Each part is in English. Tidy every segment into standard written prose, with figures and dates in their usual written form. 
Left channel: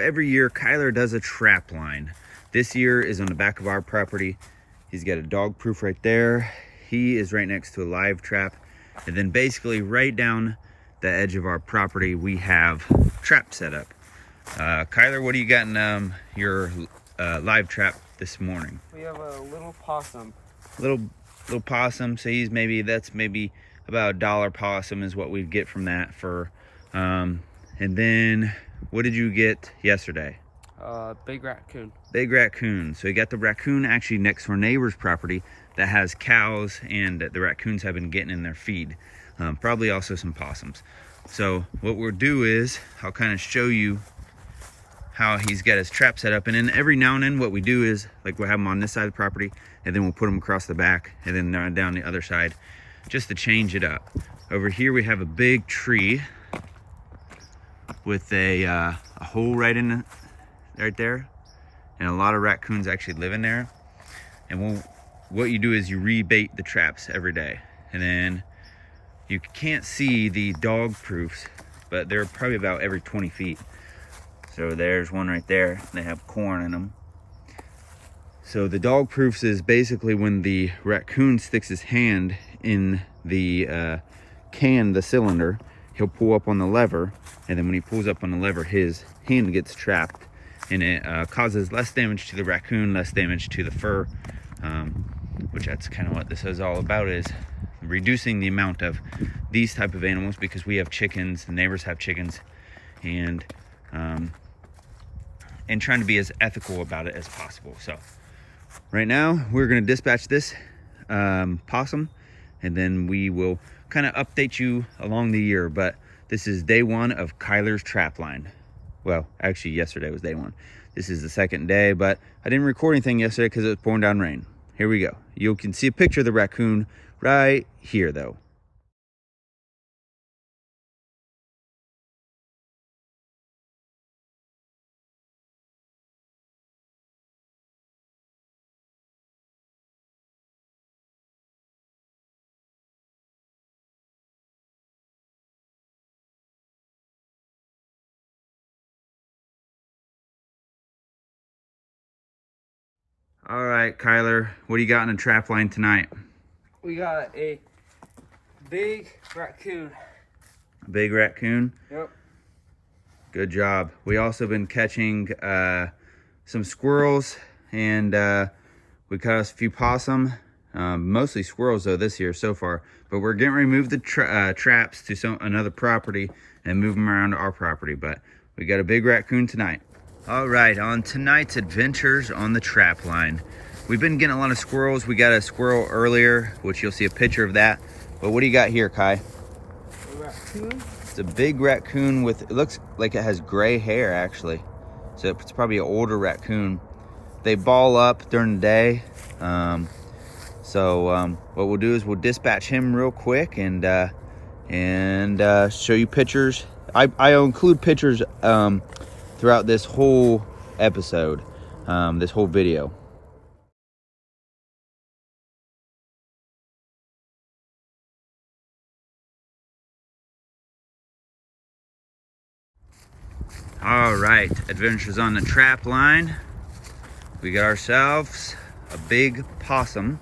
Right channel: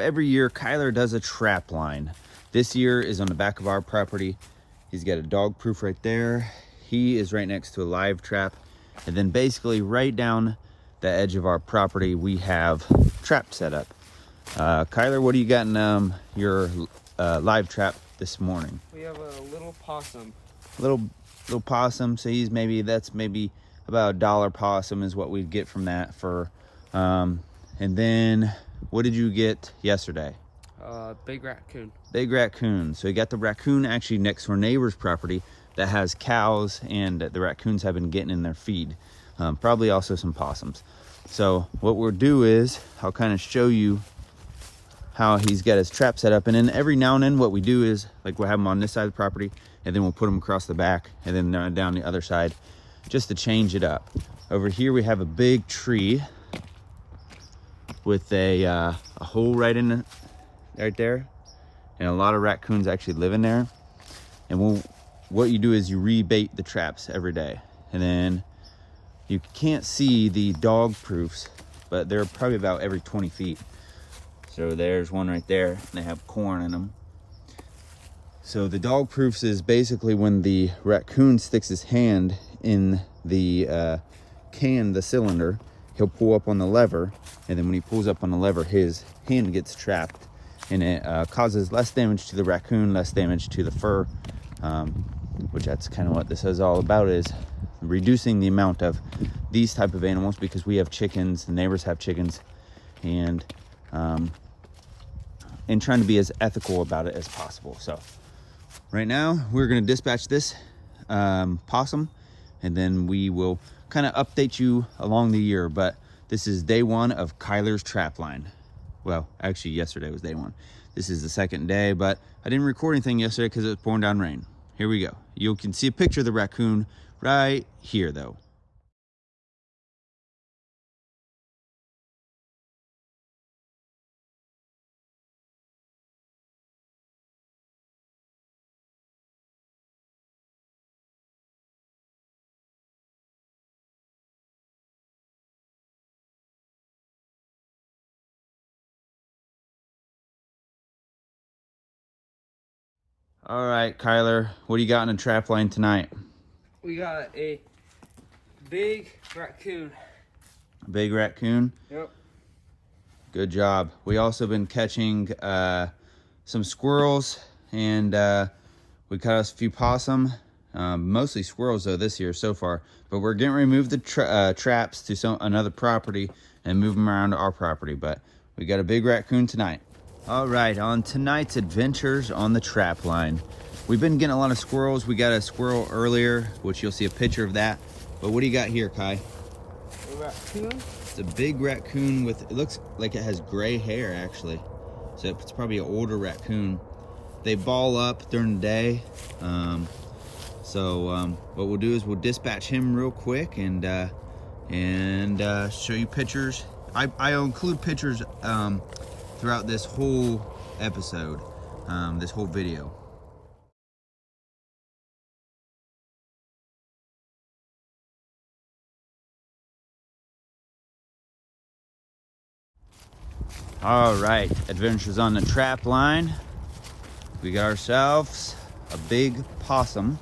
Every year, Kyler does a trap line. This year is on the back of our property. He's got a dog proof right there. He is right next to a live trap. And then basically right down the edge of our property, we have trap set up. Kyler, what do you got in your live trap this morning? We have a little possum. Little possum. So that's maybe about $1 possum is what we'd get from that for. And then what did you get yesterday? Big raccoon. Big raccoon. So you got the raccoon actually next to our neighbor's property that has cows, and the raccoons have been getting in their feed. Probably also some possums. So what we'll do is I'll kind of show you how he's got his trap set up. And then every now and then what we do is, like, we'll have him on this side of the property, and then we'll put him across the back, and then down the other side, just to change it up. Over here we have a big tree with a hole right there, and a lot of raccoons actually live in there. And what you do is you rebait the traps every day, and then you can't see the dog proofs, but they're probably about every 20 feet. So there's one right there. They have corn in them. So the dog proofs is basically when the raccoon sticks his hand in the the cylinder, he'll pull up on the lever, and then when he pulls up on the lever, his hand gets trapped, and it causes less damage to the raccoon, less damage to the fur, which that's kind of what this is all about, is reducing the amount of these type of animals, because we have chickens, the neighbors have chickens, and trying to be as ethical about it as possible. So right now we're going to dispatch this possum, and then we will kind of update you along the year. But this is day one of Kyler's trap line. Well, actually yesterday was day one. This is the second day, but I didn't record anything yesterday because it was pouring down rain. Here we go. You can see a picture of the raccoon right here though. All right, Kyler, what do you got in the trap line tonight? We got a big raccoon. A big raccoon? Yep. Good job. We also been catching some squirrels, and we caught us a few possum. Mostly squirrels though this year so far, but we're getting ready to move the traps to another property and move them around to our property. But we got a big raccoon tonight. All right, on tonight's adventures on the trap line, we've been getting a lot of squirrels. We got a squirrel earlier, which you'll see a picture of that. But what do you got here, Kai? A raccoon. It's a big raccoon with, it looks like it has gray hair actually. So it's probably an older raccoon. They ball up during the day. So what we'll do is we'll dispatch him real quick and show you pictures. I'll include pictures throughout this whole episode, this whole video. All right, adventures on the trap line. We got ourselves a big possum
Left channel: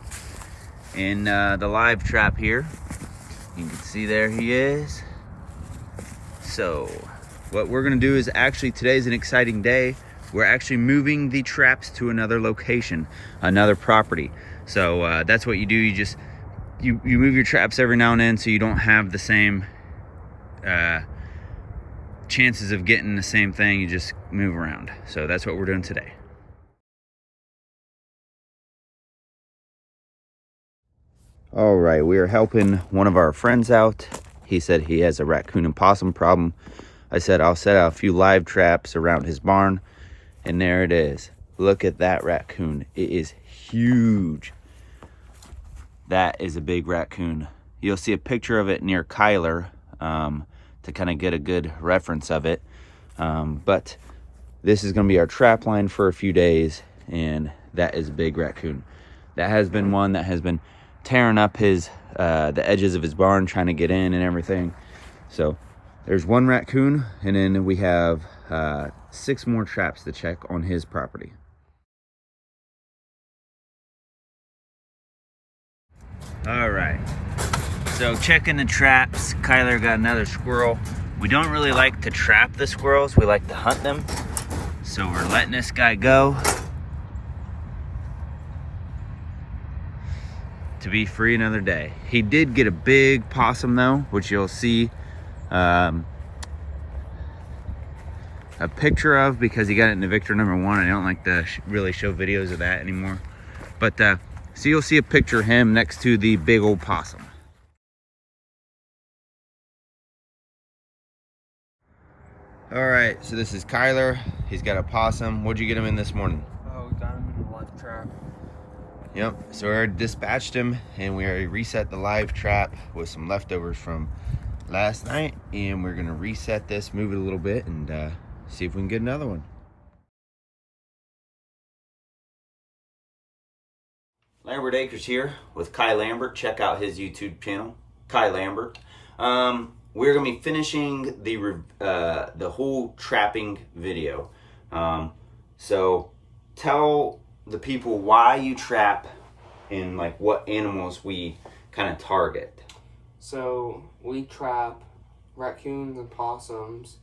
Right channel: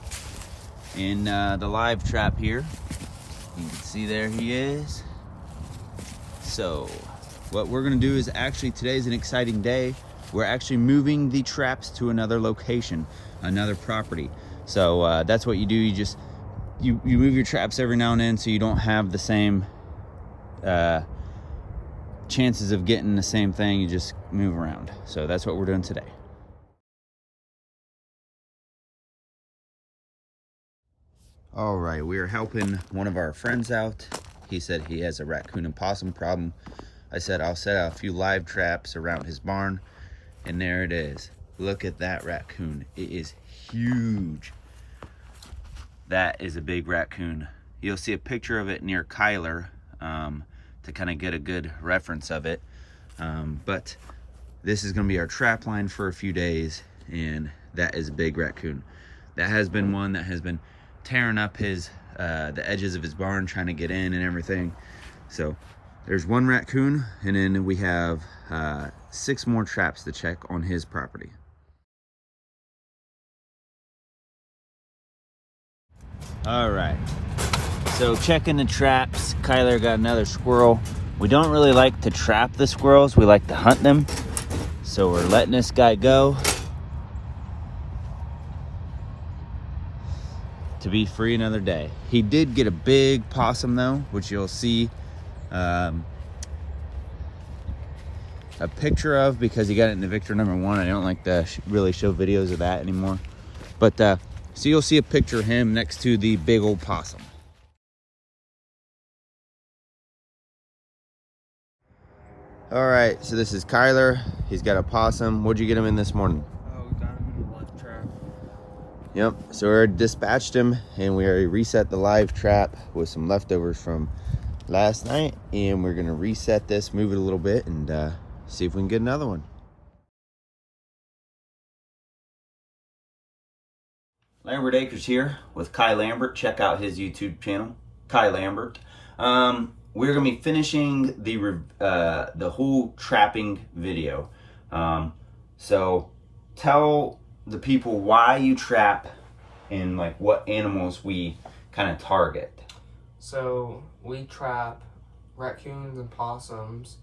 in the live trap here. You can see there he is. So what we're gonna do is, actually today's an exciting day. We're actually moving the traps to another location, another property. So that's what you do. You move your traps every now and then, so you don't have the same chances of getting the same thing. You just move around. So that's what we're doing today. All right, we are helping one of our friends out. He said he has a raccoon and possum problem. I said I'll set out a few live traps around his barn, and there it is. Look at that raccoon. It is huge. That is a big raccoon. You'll see a picture of it near Kyler to kind of get a good reference of it. But this is gonna be our trap line for a few days, and that is a big raccoon. That has been one that has been tearing up his the edges of his barn, trying to get in and everything. So there's one raccoon, and then we have 6 more traps to check on his property. All right, so checking the traps. Kyler got another squirrel. We don't really like to trap the squirrels, we like to hunt them. So we're letting this guy go to be free another day. He did get a big possum though, which you'll see a picture of because he got it in the Victor #1. I don't like to really show videos of that anymore. But so you'll see a picture of him next to the big old possum. All right, so this is Kyler. He's got a possum. What'd you get him in this morning? Oh, we got him in the live trap. Yep, so we already dispatched him and we already reset the live trap with some leftovers from last night. And we're gonna reset this, move it a little bit, and see if we can get another one. Lambert Acres here with Kai Lambert. Check out his YouTube channel, Kai Lambert. We're gonna be finishing the whole trapping video. So tell the people why you trap and like what animals we kind of target. So we trap raccoons and possums,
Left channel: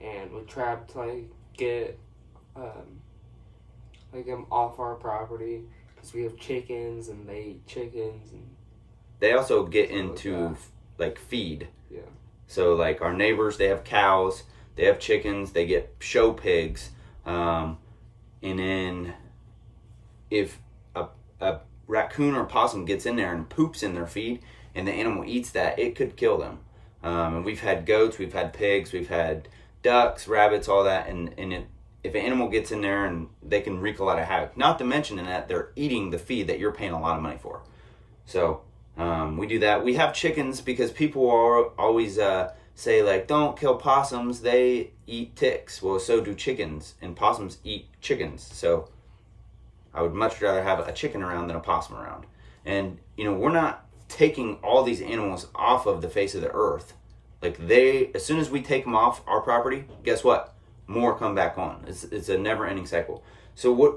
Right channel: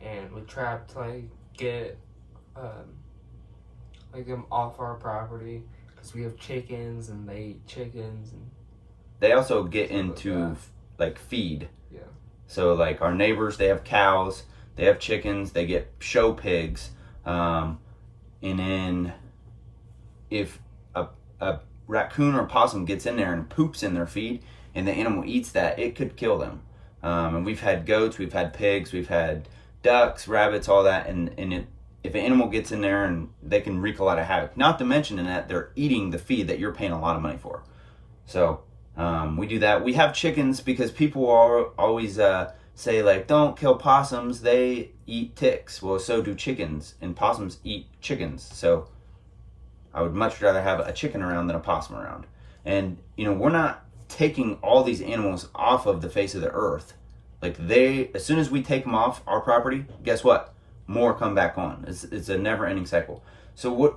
and we trap to like get like them off our property because we have chickens and they eat chickens, and They also get into like feed. yeah. So like our neighbors, they have cows, they have chickens, they get show pigs, and then if a raccoon or possum gets in there and poops in their feed and the animal eats that, it could kill them. And we've had goats, we've had pigs, we've had ducks, rabbits, all that, and if an animal gets in there, and they can wreak a lot of havoc. Not to mention in that they're eating the feed that you're paying a lot of money for. So we do that. We have chickens because people always say like, don't kill possums, they eat ticks. Well, so do chickens, and possums eat chickens. So I would much rather have a chicken around than a possum around. And you know, we're not taking all these animals off of the face of the earth. Like as soon as we take them off our property, guess what? More come back on. It's a never-ending cycle. So what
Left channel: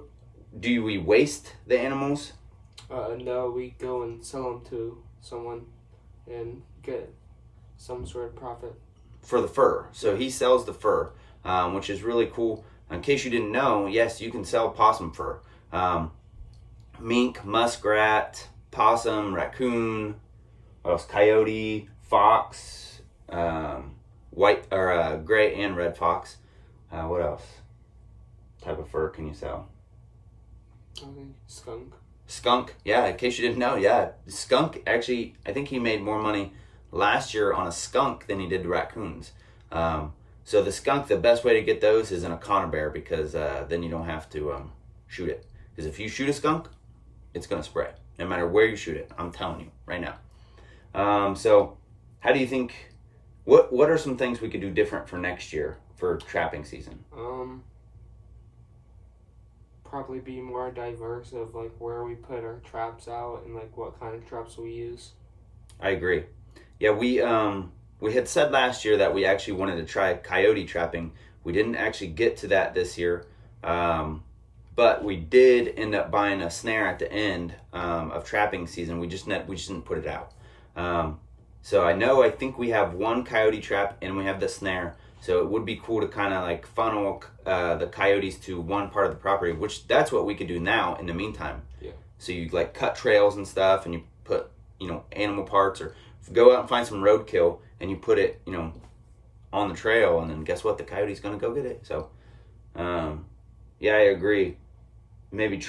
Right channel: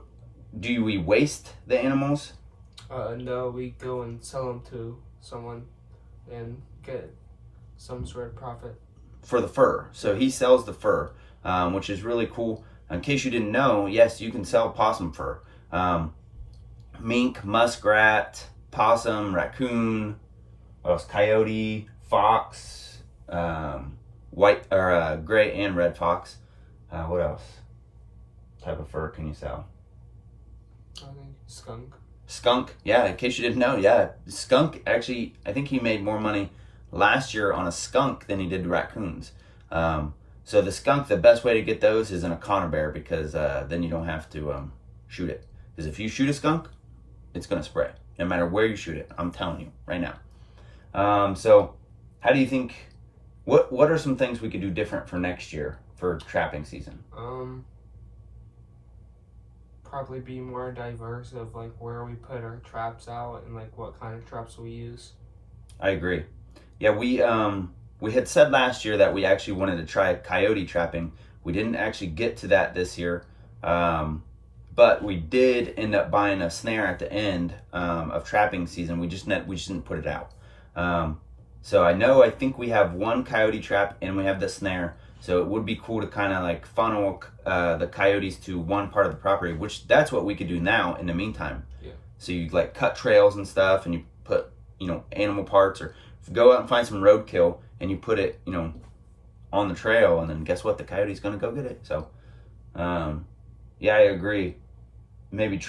do we waste the animals? No, we go and sell them to someone and get some sort of profit. For the fur. So he sells the fur, which is really cool. In case you didn't know, yes, you can sell possum fur. Mink, muskrat, possum, raccoon, what else? Coyote, fox, white or gray and red fox. What else? Type of fur can you sell? I think skunk. Skunk, yeah, in case you didn't know, yeah. Skunk, actually, I think he made more money last year on a skunk than he did raccoons. So the skunk, the best way to get those is in a conibear, because then you don't have to shoot it. Because if you shoot a skunk, it's gonna spray, no matter where you shoot it. I'm telling you right now. So how do you think, what are some things we could do different for next year for trapping season? Probably be more diverse of like where we put our traps out and like what kind of traps we use. I agree. Yeah, we had said last year that we actually wanted to try coyote trapping. We didn't actually get to that this year, but we did end up buying a snare at the end of trapping season. We just didn't put it out. So I think we have one coyote trap and we have the snare. So it would be cool to kind of like funnel the coyotes to one part of the property, which that's what we could do now in the meantime. Yeah. So you like cut trails and stuff, and you put, you know, animal parts, or go out and find some roadkill and you put it, you know, on the trail, and then guess what? The coyote's gonna go get it. So, yeah, I agree. Maybe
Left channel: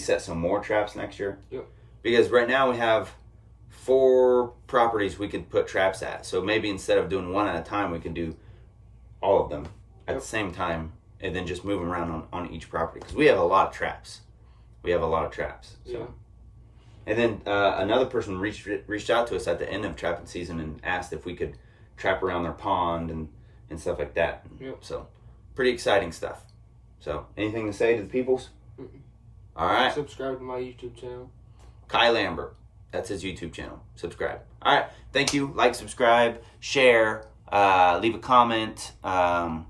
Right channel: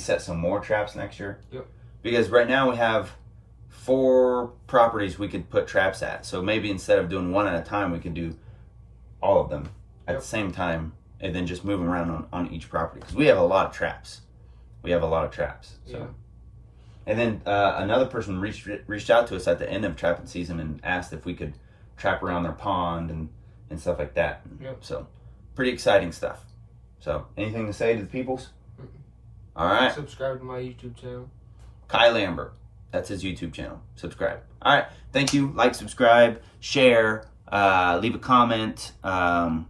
set some more traps next year. Yep. Because right now we have 4 properties we could put traps at. So maybe instead of doing one at a time, we could do all of them at the same time, and then just move them around on each property, because we have a lot of traps. So Yeah. And then another person reached out to us at the end of trapping season and asked if we could trap around their pond and stuff like that. Yep. So pretty exciting stuff. So anything to say to the peoples? Mm-mm. All right. Subscribe to my YouTube channel. Kai Lambert. That's his YouTube channel. Subscribe. All right. Thank you. Like, subscribe, share, leave a comment. All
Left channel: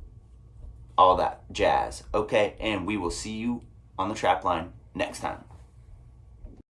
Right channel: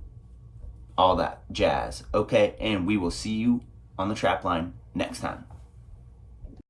all that jazz. Okay, and we will see you on the trap line next time.